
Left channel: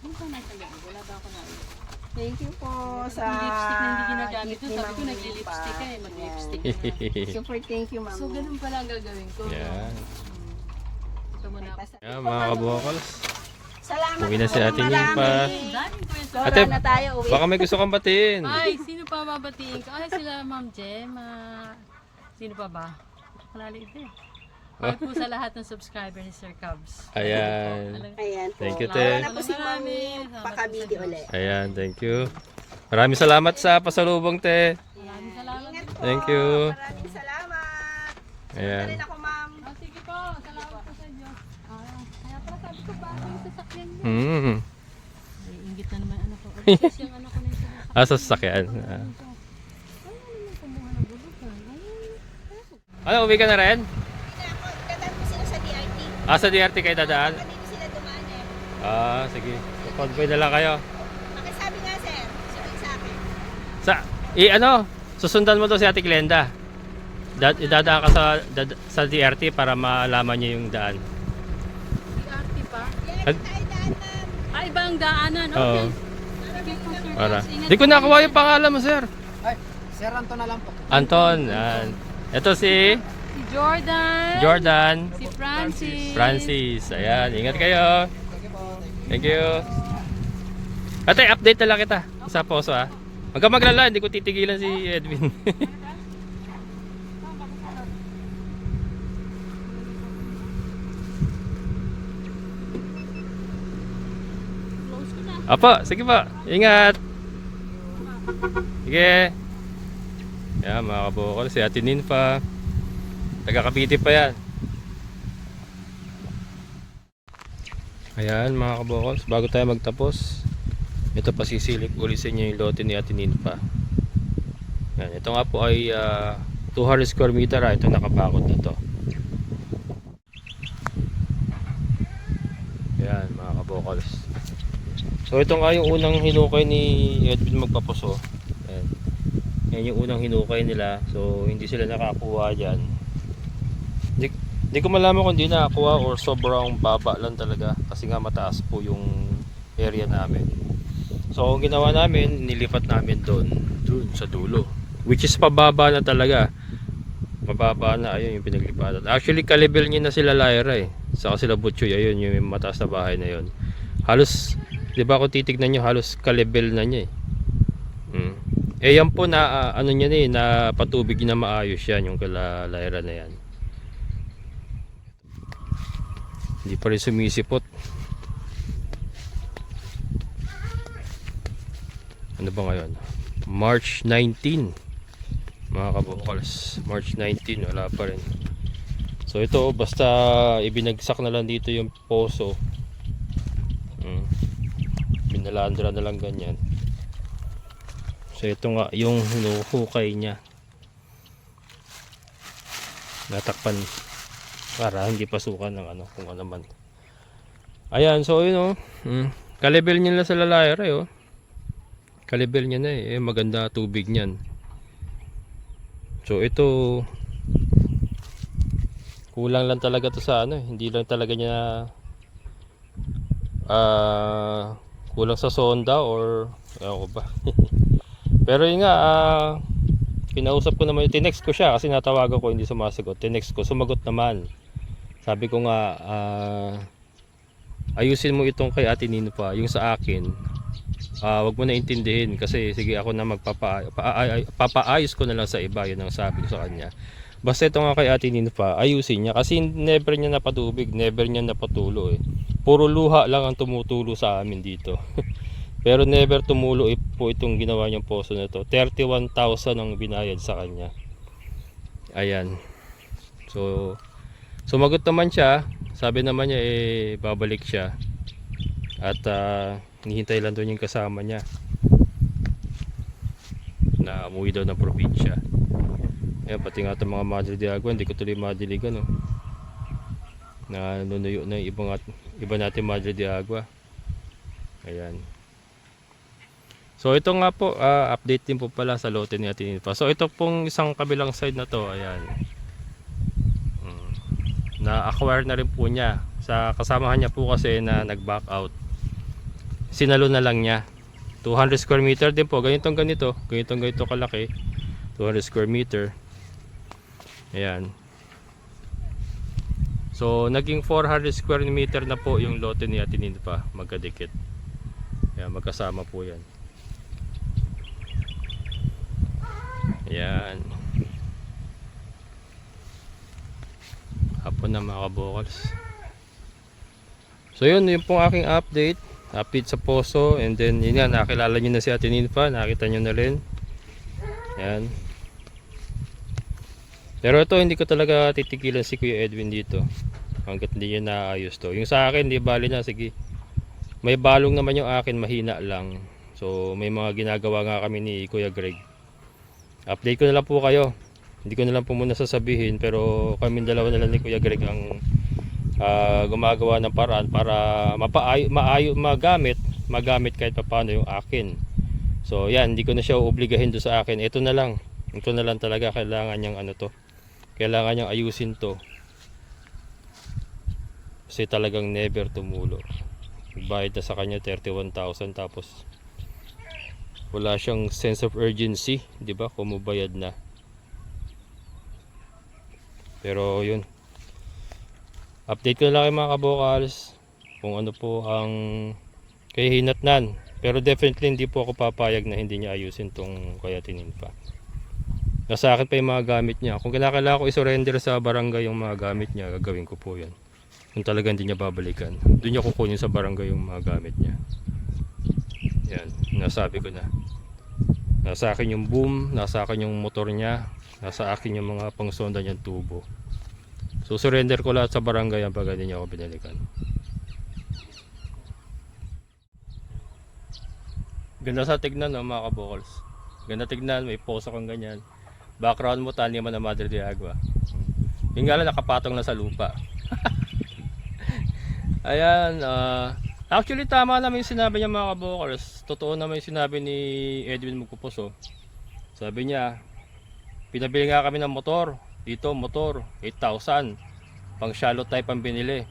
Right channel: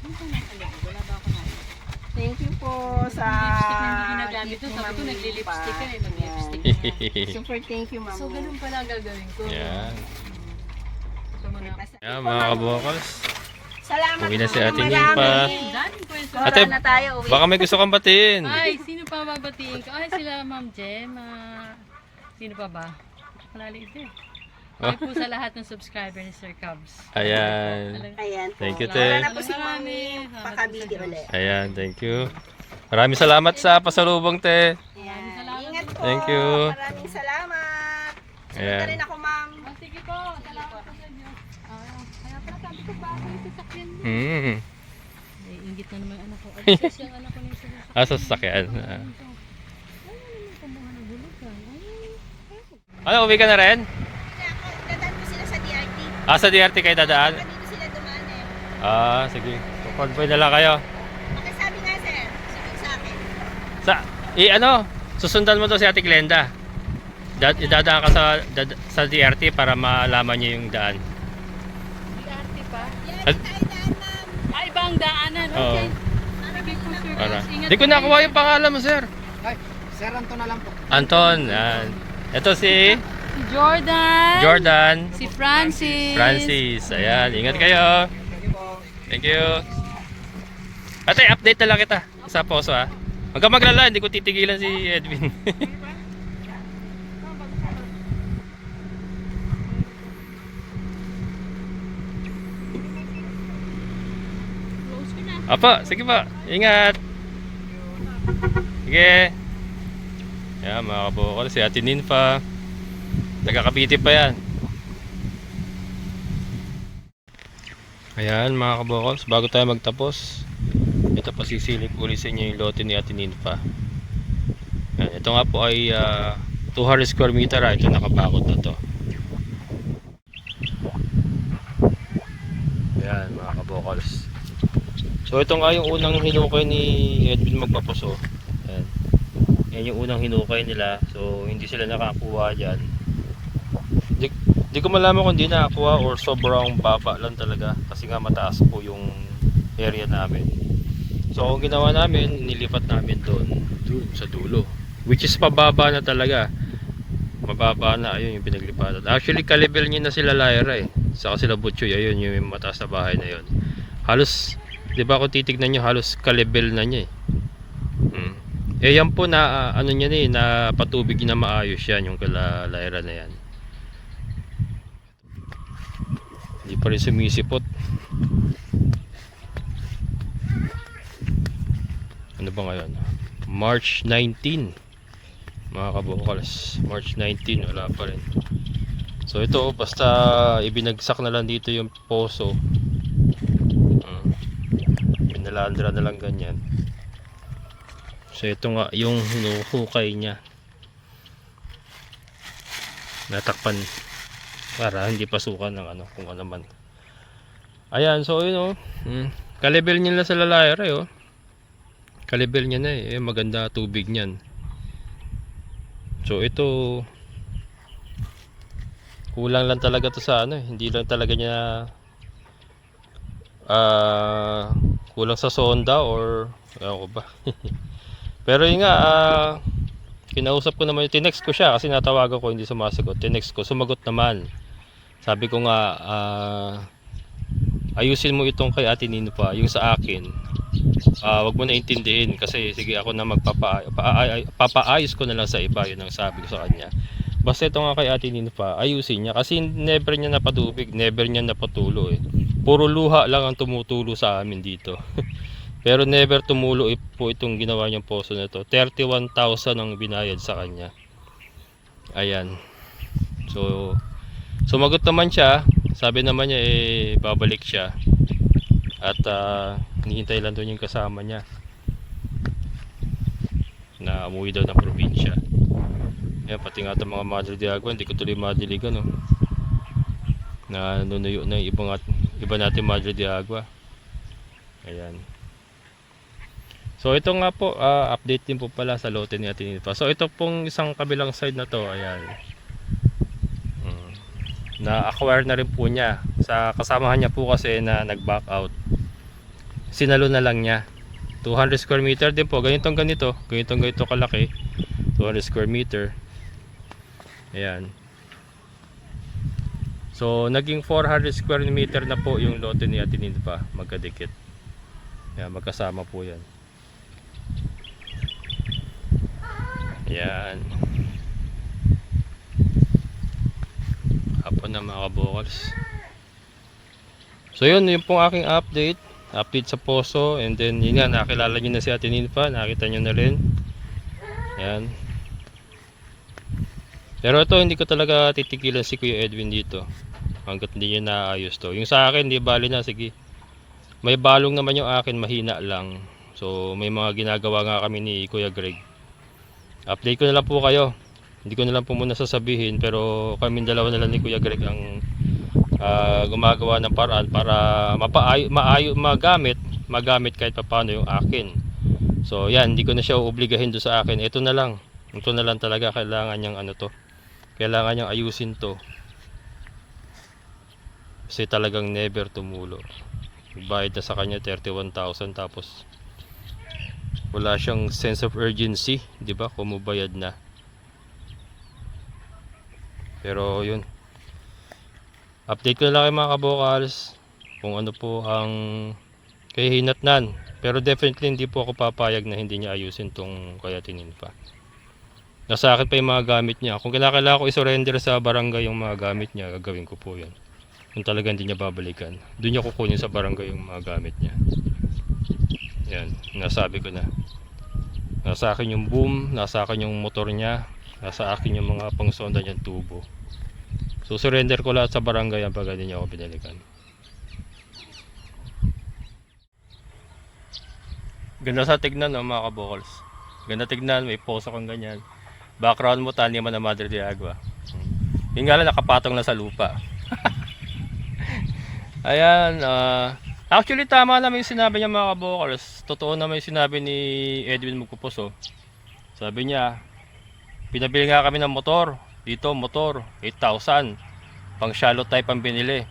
Ano pa nakalagay? Wala ba ako na? Thank you po sa Lipstick na hindi ginagamit gift doon. ni Sabi ko Ma'am nagli-lipstick ka eh. Nimpa. Mag-lipstick Yan. na. Super thank you, Ma'am. So ganun pala ang gagawin ko. Yan. Ito mo na. Yan mga kabukals. Salamat Uwi na si po. Ate Nimpa. Marami. Daming kwento. Ate, Wala na tayo, uwi. baka may gusto kang batiin. Ay, sino pa babatiin ko? Ay, sila Ma'am Jem. Sino pa ba? Malali ito eh. Ay po sa lahat ng subscriber ni Sir Cubs. Ayan. Ayan po. Thank you, Wala Te. na po si Mami. Pakabidi ulit. Ayan, thank you. Maraming salamat sa pasalubong, te. Maraming salamat. Ingat po. Thank you. Maraming salamat. Ayan. Punta rin ako, Ma'am. Sige po, salamat po sa inyo. Kaya pala sabi ko ba ako yung sasakyan mo? Hmm. Eh, ingit na naman ano ko. Ay, kasi yung ano ko nung sinasakyan. Sa sasakyan. Ano, uwi ka na rin? Hindi ako. Dadaan po sila sa DRT. Sa DRT kayo dadaan? Dito sila dumaan eh. Sige. Convoy na lang kayo. Pakisabi nga, sir. Sabi sa akin. Susundan mo to si Ate Glenda. Idadaan ka sa DRT para malaman niyo yung daan. DRT pa? At- Ay, ibang daanan. Oo. Okay. Sige po, Sir Para. Cubs. Ingat Di ko po nakuha kayo. yung pangalan mo, sir. Ay, Sir Anton na lang po. Anton. Ito si Si Jordan. Jordan. Si Francis. Francis. Ayan, ingat kayo. Thank you. Ate, update na lang kita sa poso ha. Huwag ka maglala, hindi ko titigilan si Edwin. Close ko na. Apa, sige pa. Ingat. Sige. Ayan mga kabukol, si Ate Ninfa. Taga Cavite pa yan. Ayan mga kabukol, bago tayo magtapos, ito pasisilip ulit sa inyo yung lote ni Ate Ninfa. Ayan, ito nga po ay 200 square meter ha. Ito nakabakod na to. Ayan mga kabukols. So ito nga yung unang hinukay ni Edwin magpapuso. Ayan. Yan yung unang hinukay nila. So hindi sila nakakuha dyan. Hindi ko malaman kung hindi nakakuha or sobrang baba lang talaga. Kasi nga mataas po yung area namin. So ang ginawa namin, nilipat namin doon sa dulo. Which is pababa na talaga. Mababa na, ayun yung pinaglipatan. Actually kalibel niya na sila Lyra eh. Saka sila Butchoy, ayun yung mataas na bahay na yun. Halos, di ba kung titignan nyo, halos kalibel na niya eh. Eh yan po na ano niya eh, na patubig na maayos yan yung kala Lyra na yan. Hindi pa rin sumisipot. Ano ba ngayon? March 19 mga kabukals. March 19 wala pa rin. So ito basta ibinagsak na lang dito yung poso. Binalandra na lang ganyan. So ito nga yung hinuhukay niya. Natakpan para hindi pasukan ng ano kung ano man. Ayan, so yun kalibel niya na sa Lyra eh. Kalibel niya na eh. Maganda tubig niyan. So ito kulang lang talaga to sa ano eh. Hindi lang talaga niya kulang sa sonda or ano ba. Pero yun nga kinausap ko naman, tinext ko siya kasi natawagan ko hindi sumasagot. Tinext ko, sumagot naman. Sabi ko nga ayusin mo itong kay Ate Ninfa, yung sa akin. Wag mo na intindihin kasi sige ako na papaayos ko na lang sa iba, yun ang sabi ko sa kanya. Basta ito nga kay Ate Ninfa, ayusin niya kasi never niya napatubig, never niya napatulo eh. Puro luha lang ang tumutulo sa amin dito. Pero never tumulo po itong ginawa niyang poso na to. 31,000 ang binayad sa kanya. Ayan. So sumagot naman siya. Sabi naman niya eh babalik siya. At hinihintay lang doon yung kasama niya na umuwi daw ng probinsya. Ayan, pati nga itong mga Madre de Agua, hindi ko tuloy madiligan na nunuyo na yung iba natin Madre de Agua. Ayan. So ito nga po, update din po pala sa lote ni Ate Ninfa. So ito pong isang kabilang side na to, ayan. Na-acquire na rin po niya. Sa kasamahan niya po kasi na nag-back out. Sinalo na lang niya. 200 square meter din po. Ganitong ganito kalaki. 200 square meter. Ayan. So naging 400 square meter na po yung lote ni Ate Ninfa. Magkadikit. Ayan, magkasama po yan. Ayan. Hapon na mga kabukals. So yun pong aking update sa poso. And then yun nga, nakilala nyo na si Ate Ninfa. Nakita nyo na rin. Ayan. Pero ito hindi ko talaga titigilan si Kuya Edwin dito hanggat hindi niya naayos to. Yung sa akin, di bali na, sige. May balong naman yung akin, mahina lang. So may mga ginagawa nga kami ni Kuya Greg. Update ko na lang po kayo. Hindi ko na lang po muna sasabihin, pero kami dalawa na lang ni Kuya Greg ang gumagawa ng paraan para magamit kahit paano yung akin. So yan, hindi ko na siya uobligahin do sa akin. Ito na lang talaga, kailangan niyang kailangan niyang ayusin to kasi talagang never tumulo. Bayad na sa kanya 31,000 tapos wala siyang sense of urgency, di ba? Kumubayad na. Pero yun, update ko na lang kayo mga kabokals kung ano po ang kahihinatnan. Pero definitely hindi po ako papayag na hindi niya ayusin tong kayatinin pa. Nasa akin pa yung mga gamit niya. Kung kailangan ko i-surrender sa barangay yung mga gamit niya, gagawin ko po yan. Kung talaga hindi niya babalikan, doon niya kukunin sa barangay yung mga gamit niya. Yan, nasabi ko na. Nasa akin yung boom, nasa akin yung motor niya, nasa akin yung mga pangsonda niyang tubo. So surrender ko lahat sa barangay ang pag hindi niya ako binalikan. Ganda sa tignan no, mga kabokals. Ganda tignan, may poso kang ganyan. Background mo taniman ng Madre de Agua. Yung nga lang nakapatong na sa lupa. Ayan, actually tama naman yung sinabi niya mga kabokals. Totoo naman yung sinabi ni Edwin Magpupuso. Sabi niya, pinabili nga kami ng motor. Dito motor, 8,000. Pang shallow type ang binili.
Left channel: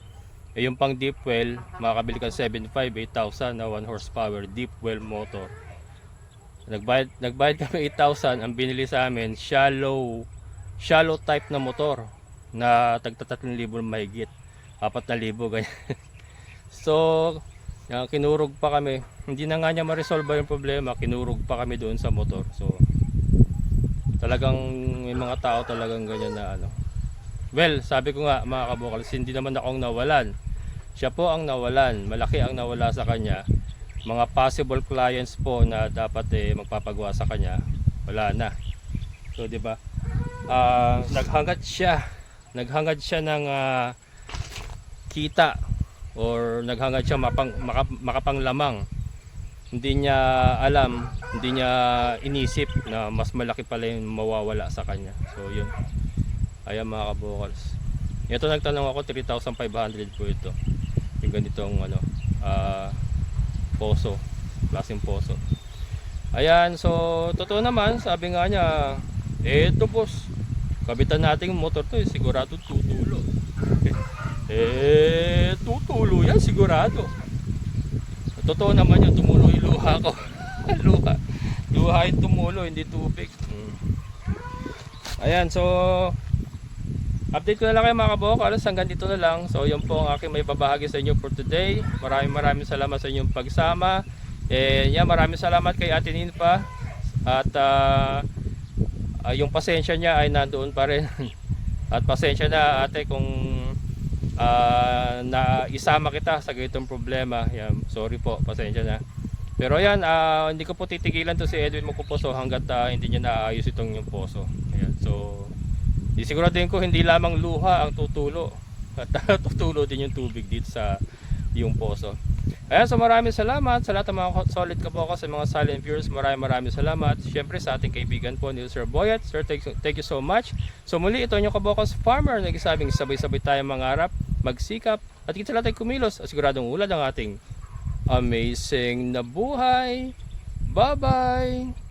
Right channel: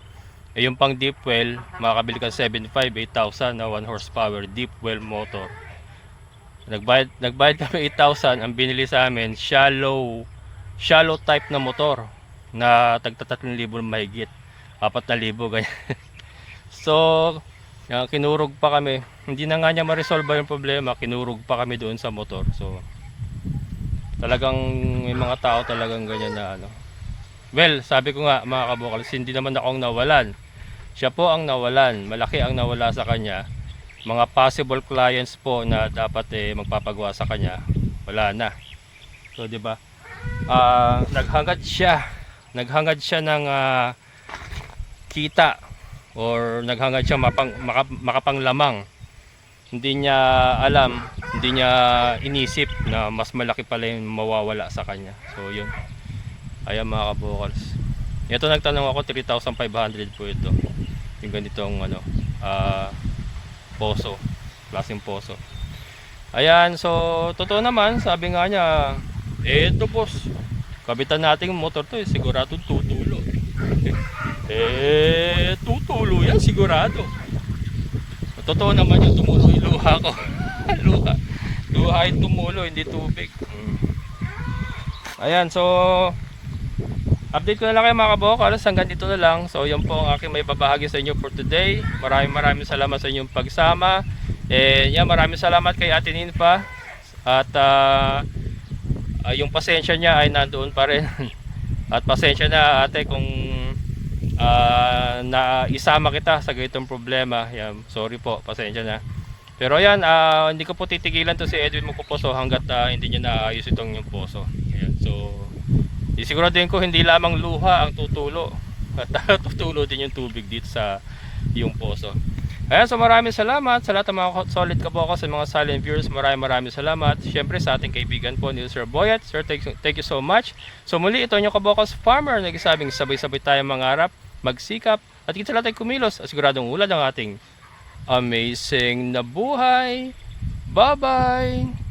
Eh yung pang deep well, makakabili ka 7.5, 8,000 na 1 horsepower deep well motor. Nagbayad kami 8,000, ang binili sa amin shallow type na motor na tagta 3,000 mahigit, 4,000 ganyan. So kinurog pa kami, hindi na nga niya ma-resolve yung problema, kinurog pa kami doon sa motor. So talagang may mga tao talagang ganyan na ano. Well, sabi ko nga mga kabokals, hindi naman ako ang nawalan. Siya po ang nawalan. Malaki ang nawala sa kanya. Mga possible clients po na dapat magpapagawa sa kanya, wala na. So, 'di ba? Naghangad siya ng kita or naghangad siya makapanglamang. Hindi niya alam, hindi niya inisip na mas malaki pala yung mawawala sa kanya. So, 'yun. Ayan mga kabokals. Ito nagtanong ako 3,500 po ito. Yung ganitong ano, poso, klaseng poso. Ayan, so totoo naman, sabi nga niya, eto boss, kabitan natin yung motor to, sigurado tutulo. Tutulo yan sigurado. Totoo naman yung tumulo yung luha ko. luha yung tumulo, hindi tubig. Ayan, so update ko na lang kayo mga kabokals, hanggang dito na lang. So yan po ang aking may babahagi sa inyo for today. Maraming salamat sa inyong pagsama. And maraming salamat kay Ate Ninfa. At yung pasensya niya ay nandoon pa rin. At pasensya na ate kung na isama kita sa ganitong problema. Yan, sorry po, pasensya na. Pero yan, hindi ko po titigilan to si Edwin Magpupuso hanggat hindi niya naayos itong yung poso. Ayan, so isiguraduhin ko hindi lamang luha ang tutulo at tutulo din yung tubig dito sa yung poso. Ayan, so maraming salamat sa lahat ng mga solid kabokals, sa mga silent viewers. Maraming salamat. Siyempre sa ating kaibigan po ni Sir Boyet. Sir, thank you so much. So muli, ito yung kabokals farmer, nagsasabing sabay-sabay tayo mangarap, magsikap, at kita natin kumilos at siguradong ulad ang ating amazing na buhay. Bye bye.